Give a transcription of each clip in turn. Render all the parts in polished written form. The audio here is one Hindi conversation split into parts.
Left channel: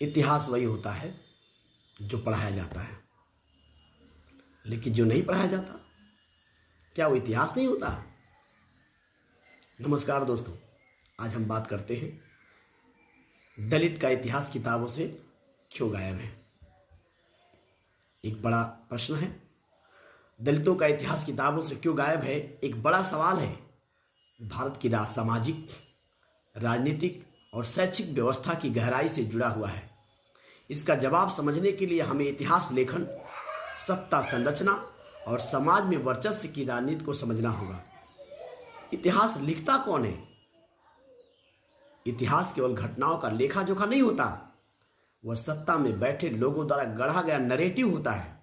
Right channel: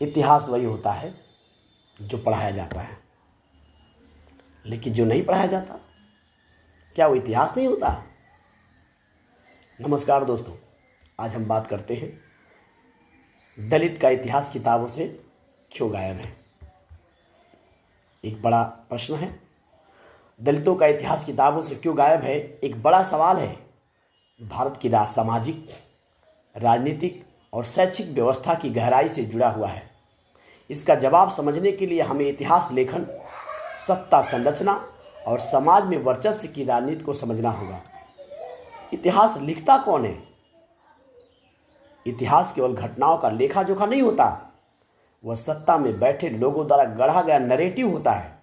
इतिहास वही होता है जो पढ़ाया जाता है, लेकिन जो नहीं पढ़ाया जाता, क्या वो इतिहास नहीं होता? नमस्कार दोस्तों, आज हम बात करते हैं दलित का इतिहास किताबों से क्यों गायब है। एक बड़ा प्रश्न है, दलितों का इतिहास किताबों से क्यों गायब है, एक बड़ा सवाल है। भारत की सामाजिक, राजनीतिक और शैक्षिक व्यवस्था की गहराई से जुड़ा हुआ है। इसका जवाब समझने के लिए हमें इतिहास लेखन, सत्ता संरचना और समाज में वर्चस्व की राजनीति को समझना होगा। इतिहास लिखता कौन है? इतिहास केवल घटनाओं का लेखा जोखा नहीं होता, वह सत्ता में बैठे लोगों द्वारा गढ़ा गया नैरेटिव होता है।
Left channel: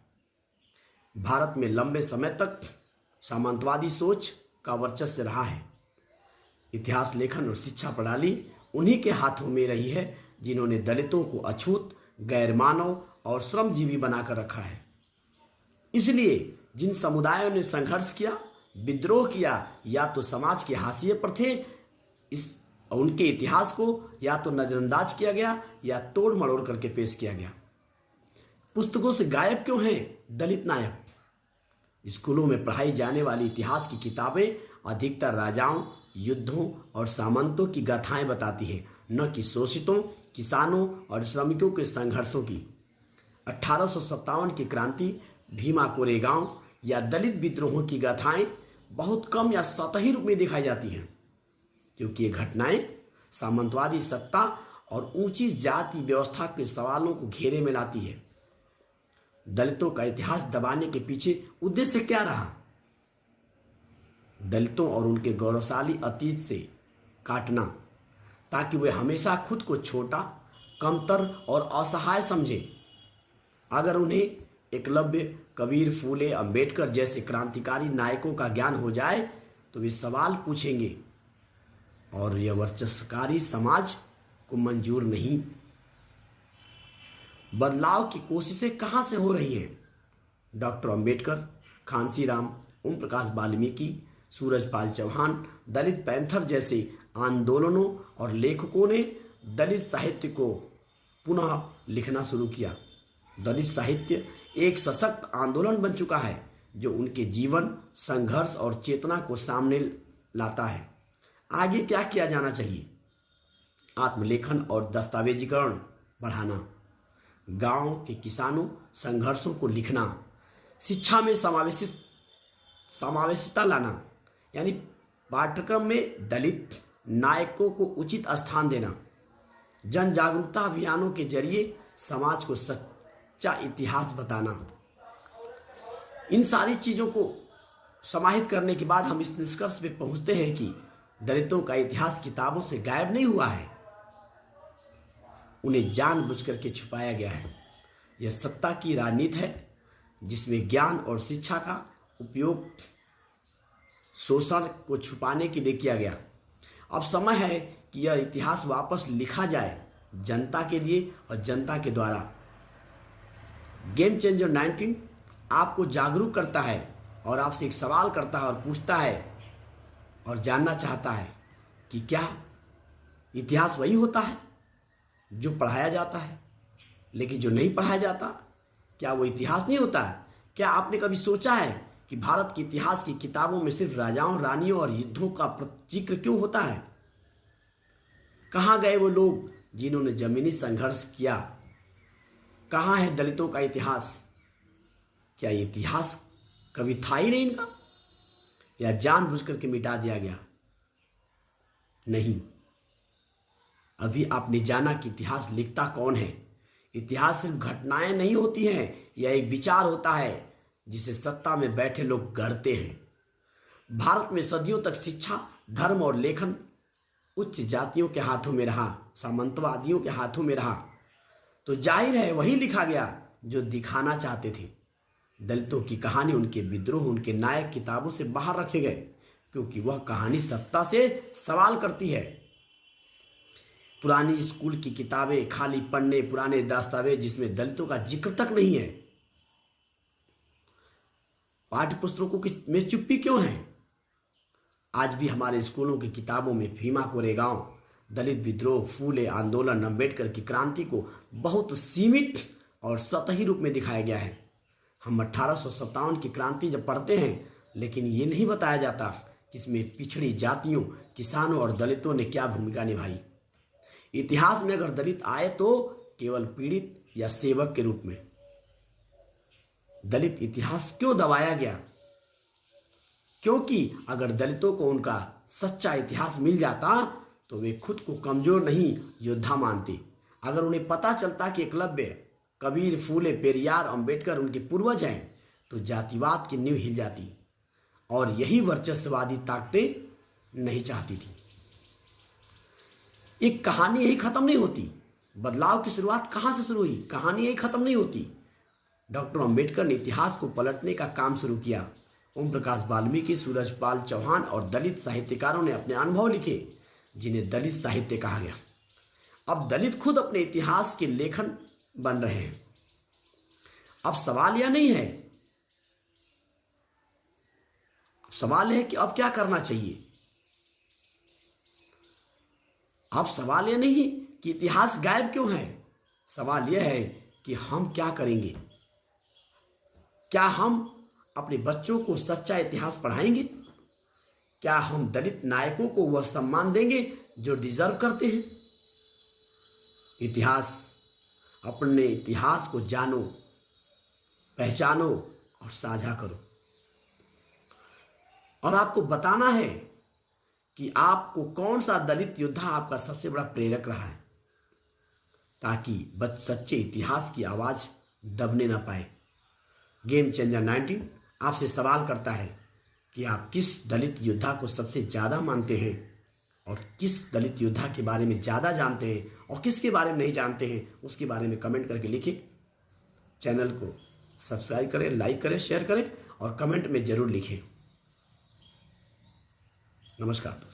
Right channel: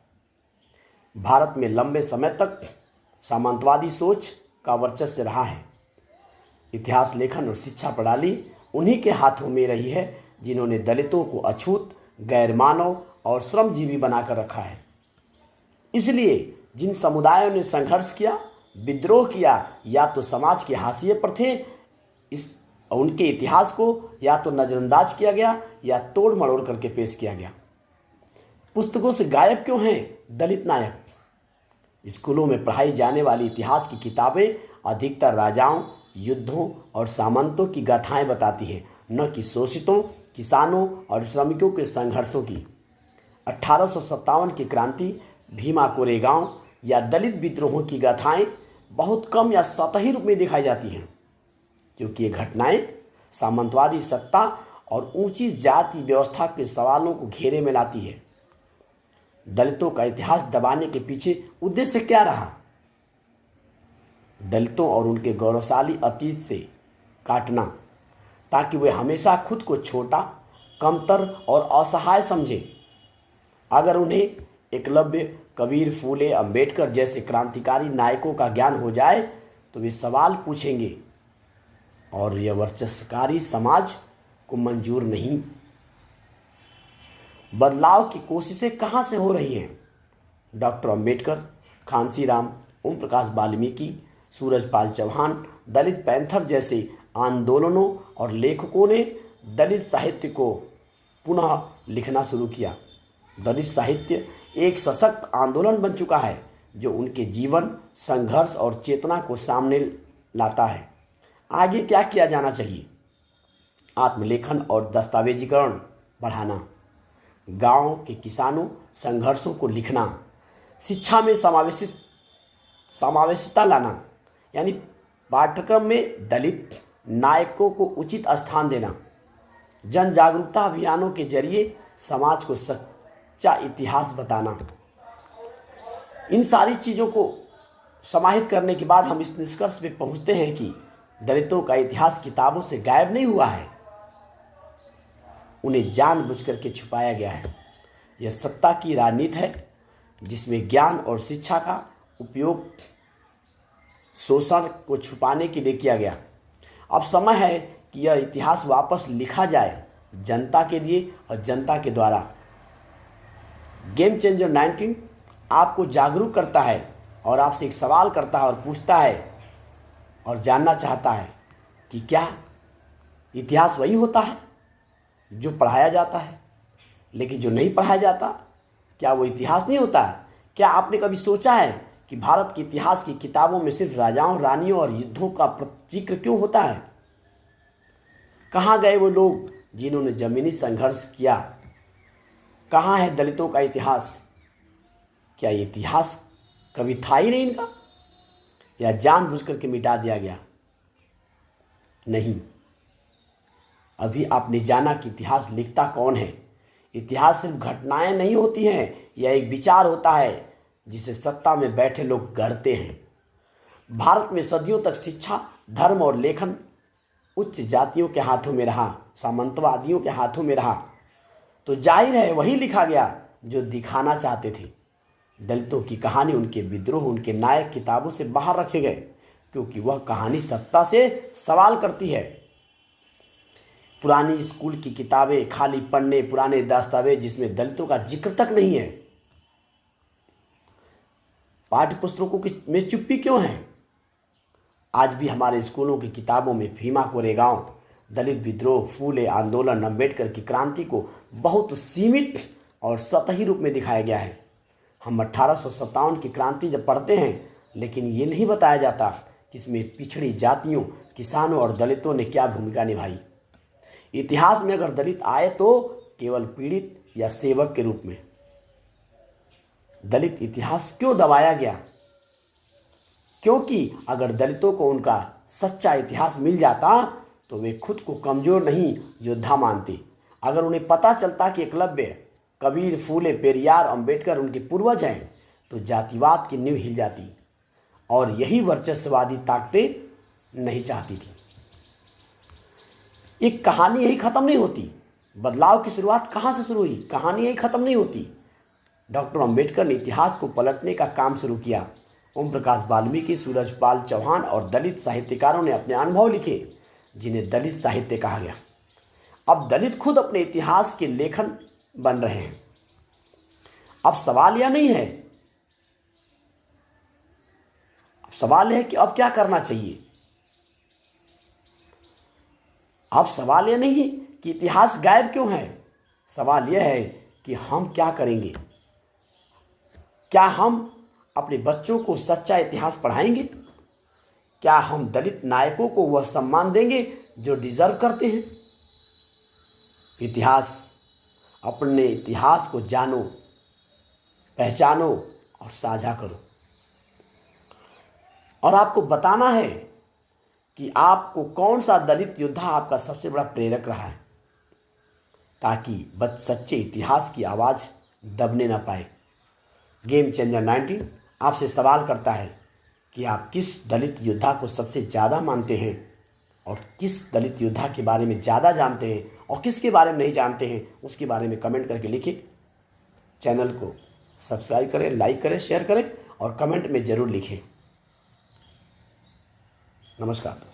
भारत में लंबे समय तक सामंतवादी सोच का वर्चस्व रहा है। इतिहास लेखन और शिक्षा प्रणाली उन्हीं के हाथों में रही है जिन्होंने दलितों को अछूत, गैरमानव और श्रमजीवी बनाकर रखा है। इसलिए जिन समुदायों ने संघर्ष किया, विद्रोह किया, या तो समाज के हाशिए पर थे, उनके इतिहास को या तो नजरअंदाज किया गया या तोड़ मरोड़ करके पेश किया गया। पुस्तकों से गायब क्यों हैं दलित नायक? स्कूलों में पढ़ाई जाने वाली इतिहास की किताबें अधिकतर राजाओं, युद्धों और सामंतों की गाथाएं बताती हैं, न कि शोषितों, किसानों और श्रमिकों के संघर्षों की। 1857 की क्रांति, भीमा कोरेगांव या दलित विद्रोहों की गाथाएं बहुत कम या सतही रूप में दिखाई जाती हैं, क्योंकि ये घटनाएं सामंतवादी सत्ता और ऊंची जाति व्यवस्था के सवालों को घेरे में लाती है। दलितों का इतिहास दबाने के पीछे उद्देश्य क्या रहा? दलितों और उनके गौरवशाली अतीत से काटना, ताकि वे हमेशा खुद को छोटा, कमतर और असहाय समझे। अगर उन्हें एकलव्य, कबीर, फूले, अंबेडकर जैसे क्रांतिकारी नायकों का ज्ञान हो जाए तो वे सवाल पूछेंगे, और यह वर्चस्वकारी समाज को मंजूर नहीं। बदलाव की कोशिशें कहां से हो रही हैं? डॉक्टर अंबेडकर, खांसीराम, ओम प्रकाश वाल्मीकि, सूरजपाल चौहान, दलित पैंथर जैसे आंदोलनों और लेखकों ने दलित साहित्य को पुनः लिखना शुरू किया। दलित साहित्य एक सशक्त आंदोलन बन चुका है जो उनके जीवन, संघर्ष और चेतना को सामने लाता है। आगे क्या किया जाना चाहिए? आत्मलेखन और दस्तावेजीकरण बढ़ाना, गांव के किसानों संघर्षों को लिखना, शिक्षा में समावेशिता लाना, यानी पाठ्यक्रम में दलित नायकों को उचित स्थान देना, जन जागरूकता अभियानों के जरिए समाज को सच्चा इतिहास बताना। इन सारी चीज़ों को समाहित करने के बाद हम इस निष्कर्ष पे पहुंचते हैं कि दलितों का इतिहास किताबों से गायब नहीं हुआ है, उन्हें जानबूझ करके छुपाया गया है। यह सत्ता की राजनीति है जिसमें ज्ञान और शिक्षा का उपयोग शोषण को छुपाने के लिए किया गया। अब समय है कि यह इतिहास वापस लिखा जाए, जनता के लिए और जनता के द्वारा। गेम चेंजर 19 आपको जागरूक करता है और आपसे एक सवाल करता है और पूछता है और जानना चाहता है कि क्या इतिहास वही होता है जो पढ़ाया जाता है, लेकिन जो नहीं पढ़ाया जाता, क्या वो इतिहास नहीं होता है? क्या आपने कभी सोचा है कि भारत के इतिहास की किताबों में सिर्फ राजाओं, रानियों और युद्धों का जिक्र क्यों होता है? कहाँ गए वो लोग जिन्होंने जमीनी संघर्ष किया? कहाँ है दलितों का इतिहास? क्या ये इतिहास कभी था ही नहीं इनका, या जानबूझ करके मिटा दिया गया? नहीं। अभी आपने जाना कि इतिहास लिखता कौन है। इतिहास सिर्फ घटनाएं नहीं होती हैं, यह एक विचार होता है जिसे सत्ता में बैठे लोग गढ़ते हैं। भारत में सदियों तक शिक्षा, धर्म और लेखन उच्च जातियों के हाथों में रहा, सामंतवादियों के हाथों में रहा, तो जाहिर है वही लिखा गया जो दिखाना चाहते थे। दलितों की कहानी, उनके विद्रोह, उनके नायक किताबों से बाहर रखे गए, क्योंकि वह कहानी सत्ता से सवाल करती है। पुरानी स्कूल की किताबें, खाली पन्ने, पुराने दस्तावेज जिसमें दलितों का जिक्र तक नहीं है। पाठ्य पुस्तकों में चुप्पी क्यों है? आज भी हमारे स्कूलों की किताबों में भीमा कोरेगांव, दलित विद्रोह, फूले आंदोलन, अम्बेडकर की क्रांति को बहुत सीमित और सतही रूप में दिखाया गया है। हम 1857 की क्रांति जब पढ़ते हैं, लेकिन ये नहीं बताया जाता कि इसमें पिछड़ी जातियों, किसानों और दलितों ने क्या भूमिका निभाई। इतिहास में अगर दलित आए तो केवल पीड़ित या सेवक के रूप में। दलित इतिहास क्यों दबाया गया? क्योंकि अगर दलितों को उनका सच्चा इतिहास मिल जाता तो वे खुद को कमजोर नहीं योद्धा मानते। अगर उन्हें पता चलता कि एकलव्य, कबीर, फूले, पेरियार, अंबेडकर उनके पूर्वज हैं, तो जातिवाद की नींव हिल जाती और यही वर्चस्ववादी ताकतें नहीं चाहती थी। एक कहानी यही खत्म नहीं होती। बदलाव की शुरुआत कहाँ से शुरू हुई? कहानी यही खत्म नहीं होती। डॉक्टर अंबेडकर ने इतिहास को पलटने का काम शुरू किया। ओम प्रकाश वाल्मीकि, सूरजपाल चौहान और दलित साहित्यकारों ने अपने अनुभव लिखे, जिन्हें दलित साहित्य कहा गया। अब दलित खुद अपने इतिहास के लेखन बन रहे हैं। अब सवाल यह नहीं है, सवाल है कि अब क्या करना चाहिए। अब सवाल यह नहीं कि इतिहास गायब क्यों है, सवाल यह है कि हम क्या करेंगे। क्या हम अपने बच्चों को सच्चा इतिहास पढ़ाएंगे? क्या हम दलित नायकों को वह सम्मान देंगे जो डिजर्व करते हैं? अपने इतिहास को जानो, पहचानो और साझा करो। और आपको बताना है कि आपको कौन सा दलित योद्धा आपका सबसे बड़ा प्रेरक रहा है, ताकि सच्चे इतिहास की आवाज़ दबने ना पाए। गेम चेंजर 19 आपसे सवाल करता है कि आप किस दलित योद्धा को सबसे ज़्यादा मानते हैं और किस दलित योद्धा के बारे में ज़्यादा जानते हैं और किसके बारे में नहीं जानते हैं, उसके बारे में कमेंट करके लिखें। चैनल को सब्सक्राइब करें, लाइक करें, शेयर करें और कमेंट में ज़रूर लिखें। नमस्कार दोस्तों।